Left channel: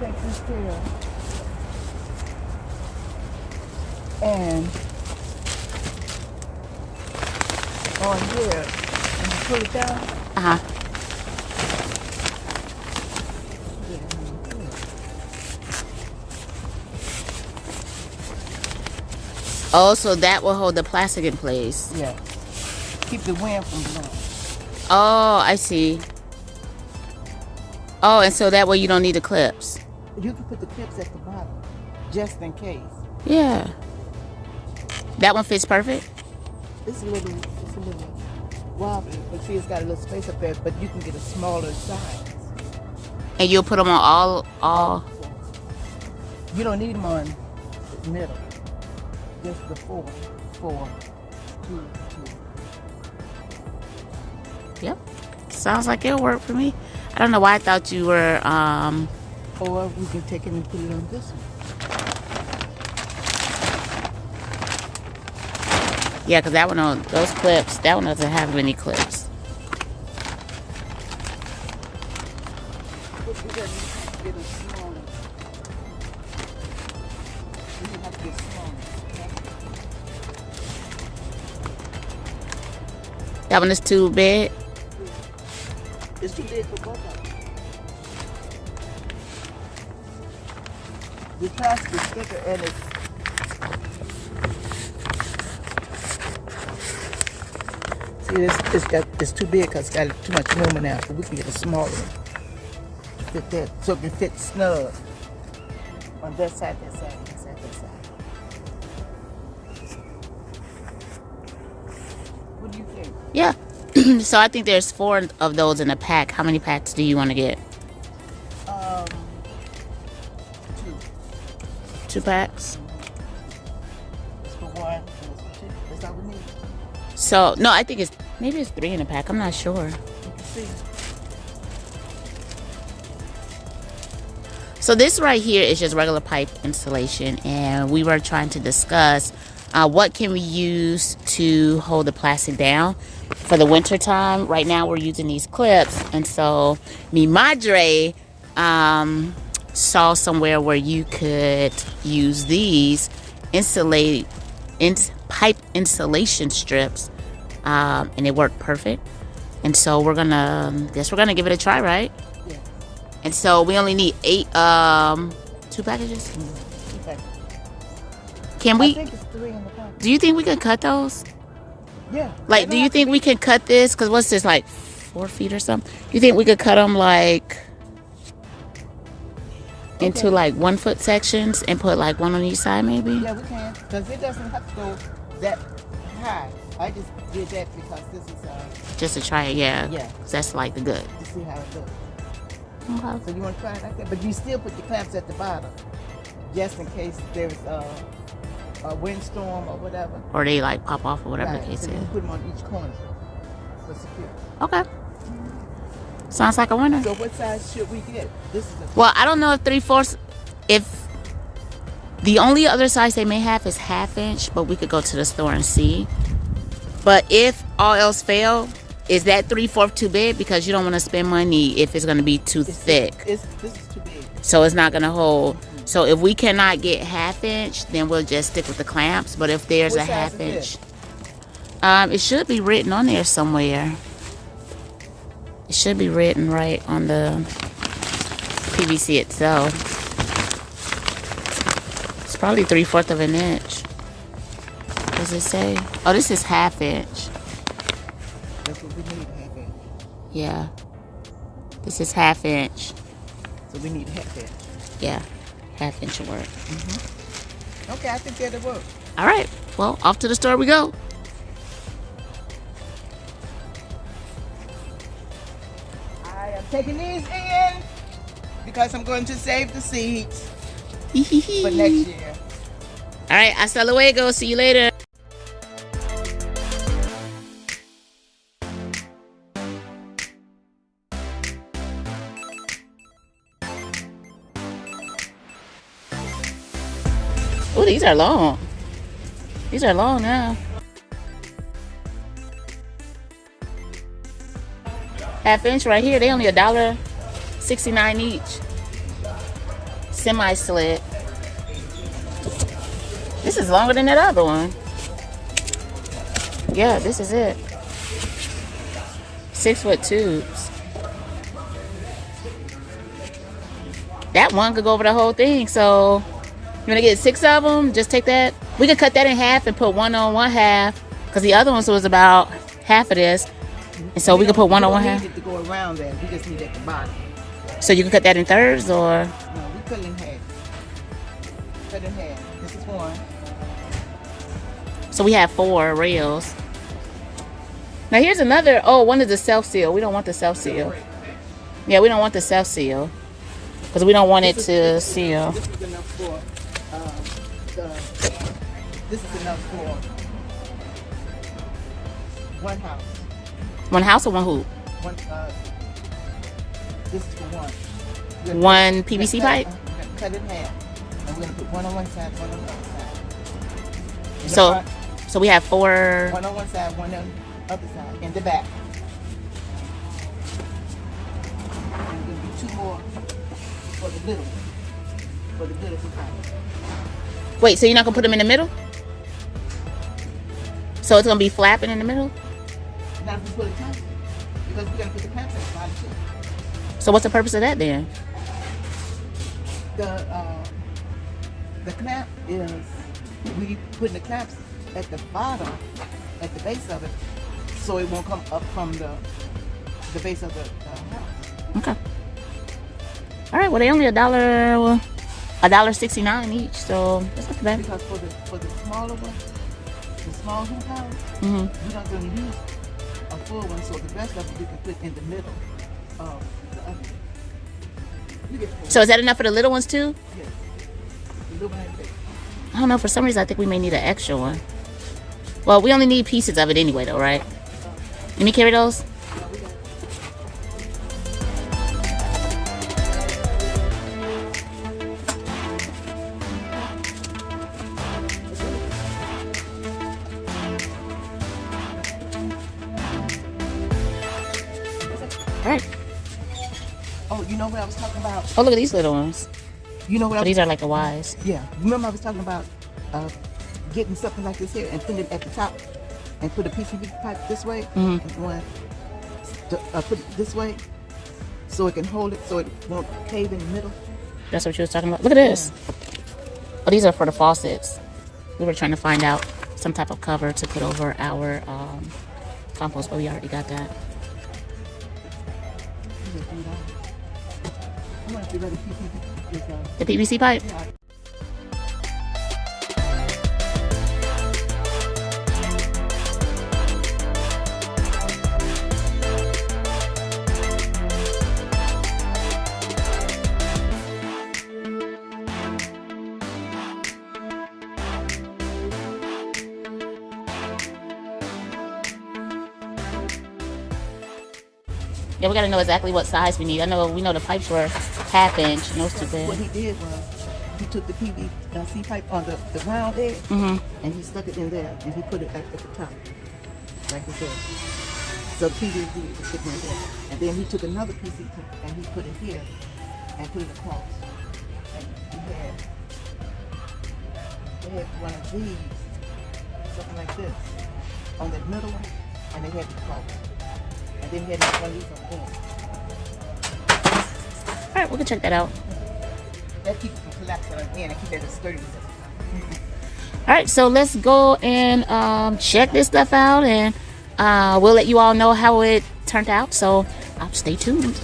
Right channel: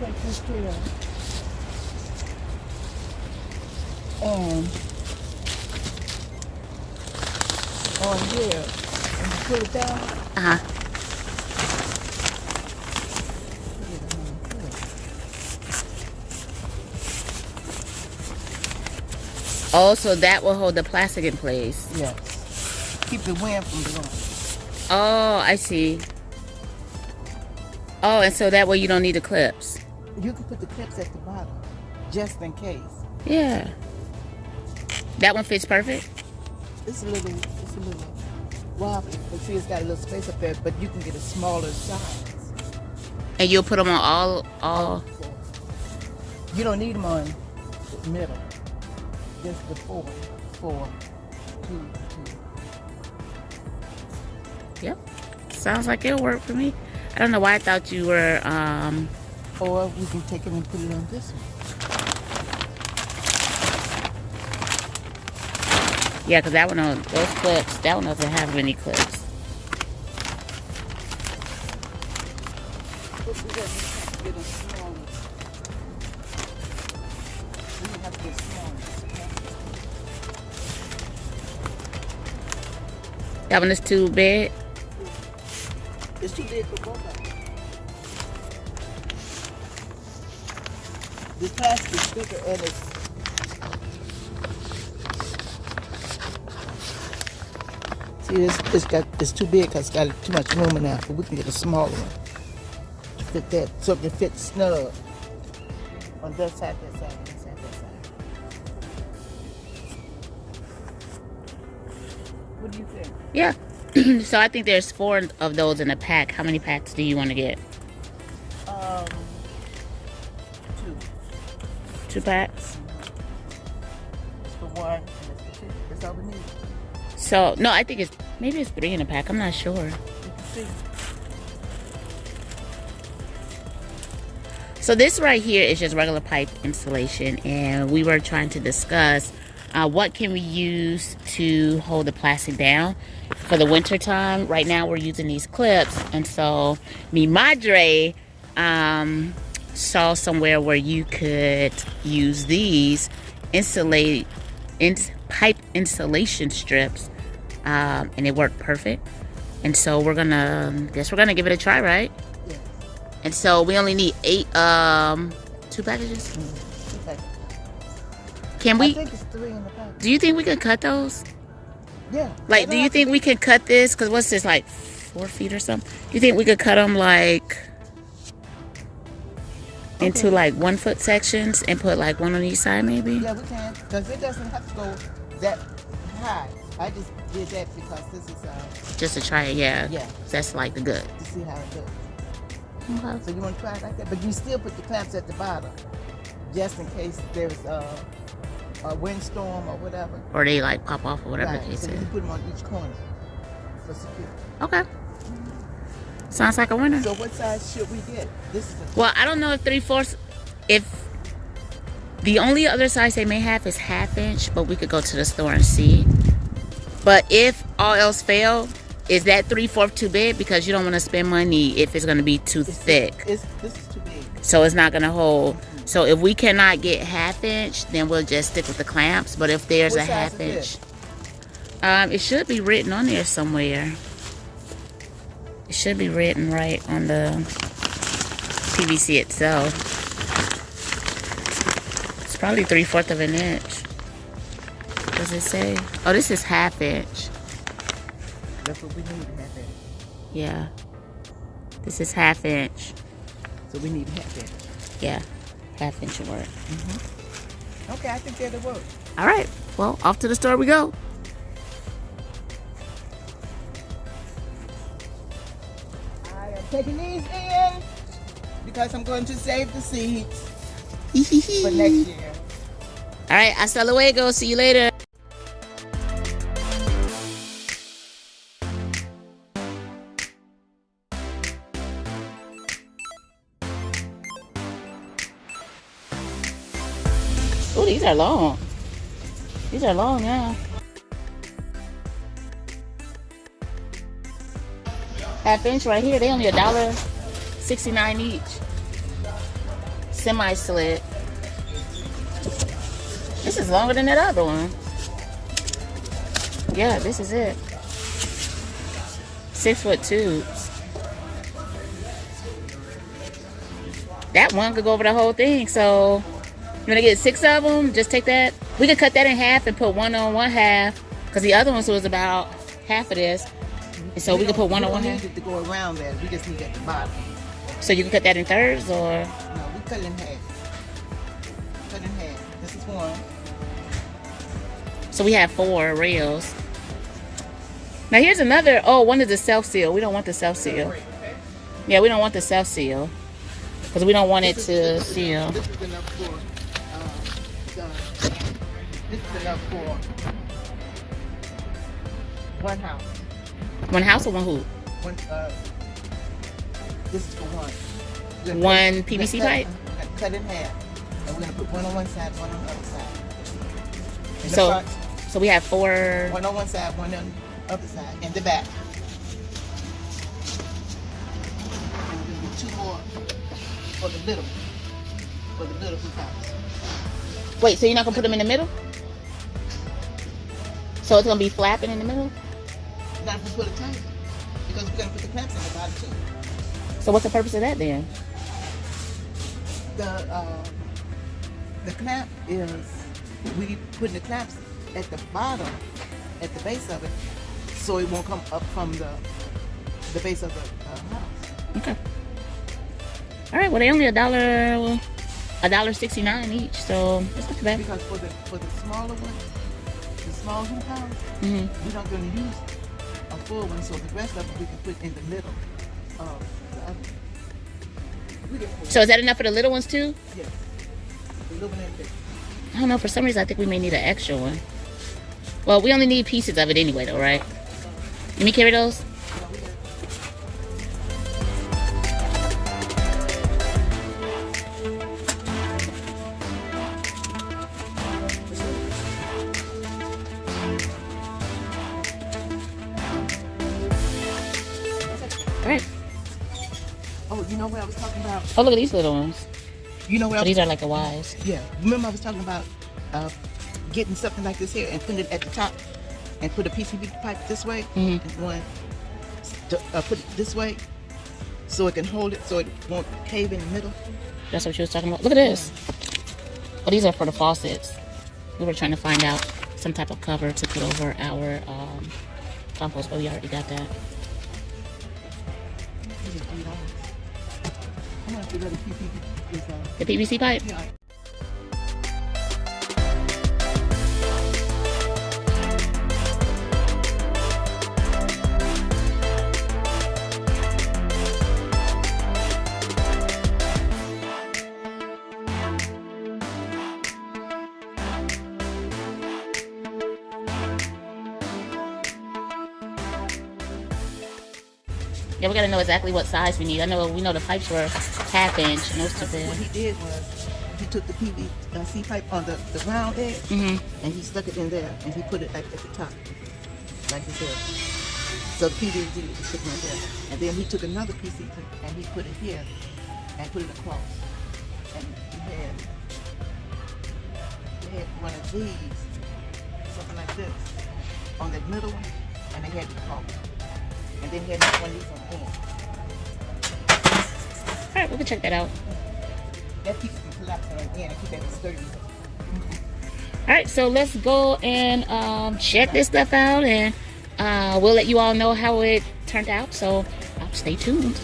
take this here and on here and you pull it down. Uh-huh. Oh, so that will hold the plastic in place. Yes. Keep the wind from blowing. Oh, I see. Oh, and so that way you don't need the clips. You can put the clips at the bottom, just in case. Yeah. That one fits perfect? It's a little wobbly, but see, it's got a little space up there, but you can get a smaller size. And you'll put them on all. You don't need them on the middle. Just the four, two. Yep. Sounds like it'll work for me. I don't know why I thought you were, Or we can take them and put it on this one. yeah, because that one on those clips, that one doesn't have any clips. But we have to get a smaller. We have to get smaller. That one is too big. It's too big for both of them. This plastic is thicker and it's too big because it's got too much room in there, so we can get a smaller one to fit that, so it can fit snug on that side, that side, that side, that side. What do you think? Yeah. So I think there's 4 of those in a pack. How many packs do you want to get? 2. 2 packs? It's for 1 and it's for 2. That's all we need. So, no, I think maybe it's 3 in a pack. I'm not sure. You can see. So this right here is just regular pipe insulation, and we were trying to discuss what can we use to hold the plastic down for the winter time. Right now we're using these clips, and so mi madre saw somewhere where you could use these pipe insulation strips, and it worked perfect. And so we're gonna give it a try, right? Yeah. And so we only need 8 2 packages. Okay. Can I we? think it's 3 in the pack. Do you think we can cut those? Yeah. Like, do you think we can cut this? Because what's this, like 4 feet or something? You think we could cut them like into like 1 foot sections and put like 1 on each side, maybe? Yeah, we can, because it doesn't have to go that high. I just did that because this is Just to try it, yeah. Yeah. 'Cause that's like the good. to see how it looks. Okay. So you want to try it like that, but you still put the clamps at the bottom, just in case there's a windstorm or whatever. Or they like pop off or whatever Right. the case So is. you put them on each corner for security. Okay. Sounds like a winner. So what size should we get? This is Well, I don't know if 3/4. If the only other size they may have is 1/2 inch, but we could go to the store and see. But if all else fail, is that 3/4 too big? Because you don't want to spend money if it's going to be too thick. this is too big. So it's not going to hold. So if we cannot get 1/2 inch, then we'll just stick with the clamps. But if there's What a size 1/2 is inch, it should be written on there somewhere. It should be written right on the PVC itself. It's probably 3/4 of an inch. Does it say? Oh, this is 1/2 inch. That's what we need to have it. Yeah. This is 1/2 inch. So we need to have it. Yeah. 1/2 inch will work. Okay, I think that'll work. All right. Well, off to the store we go. I am taking these in because I'm going to save the seeds for next year. All right. Hasta luego. See you later. Oh, these are long. These are long now. 1/2 inch right here. They only $1.69 each. semi-slit. This is longer than that other one. Yeah, this is it. 6-foot tubes. That one could go over the whole thing. So you wanna get 6 of them? Just take that. We could cut that in half and put one on one half, because the other one was about half of this. And so we could put one on one half. To go around that, we just need it at the bottom. So you can cut that in thirds, or? No, we cut it in half. Cut it in half. This is one. So we have 4 rails. Now here's another. Oh, one is a self-seal. We don't want the self-seal. Yeah, we don't want the self-seal, because we don't want it to seal. This is enough for. This is enough for one house. One house or one hoop? One. This is for one. One PVC pipe? We're gonna cut it in half. And we're gonna put one on one side, one on the other side. So we have 4. One on one side, one on the other side, in the back. 2 more for the little. For the little house. Wait, so you're not gonna put them in the middle? So it's gonna be flapping in the middle? Not if we put it back, because we're gonna put the clamps at the bottom too. So what's the purpose of that then? The clamp is, we put the clamps at the bottom, at the base of it, so it will come up from the base of the house. Okay. All right. Well, they only $1.69 each, so it's not too bad. Because for the smaller one, the small hoop house, we're not going to use a full one, so the rest of it we can put in the middle. So is that enough for the little ones too? Yeah. The little one and big. I don't know. For some reason, I think we may need an extra one. Well, we only need pieces of it anyway, though, right? Let me carry those. Alright. Oh, you know what I was talking about? Oh, look at these little ones. You know what Oh, I was these are like the Ys. Yeah. Remember I was talking about getting something like this here and put it at the top and put a PCB pipe this way and put it this way so it can hold it so it won't cave in the middle. That's what she was talking about. Look at this. Oh, these are for the faucets. We were trying to find out some type of cover to put over our compost, but we already got that. I'm gonna get rid of PCB. The PVC pipe? Yeah. Yeah, we gotta know exactly what size we need. We know the pipes were 1/2 inch, and those too What big. he did was he took the PVC pipe on the round edge and he stuck it in there and he put it at the top, like this. So the PVC is sitting right there. And then he took another PVC and he put it here and put it across. They had one of these, something like this, on the middle one, and they had the top. And then he had one of these on these. All right, we can check that out. That keeps it from collapsing right there and keep that sturdy. All right, so let's go and check this stuff out, and we'll let you all know how it turned out. So stay tuned.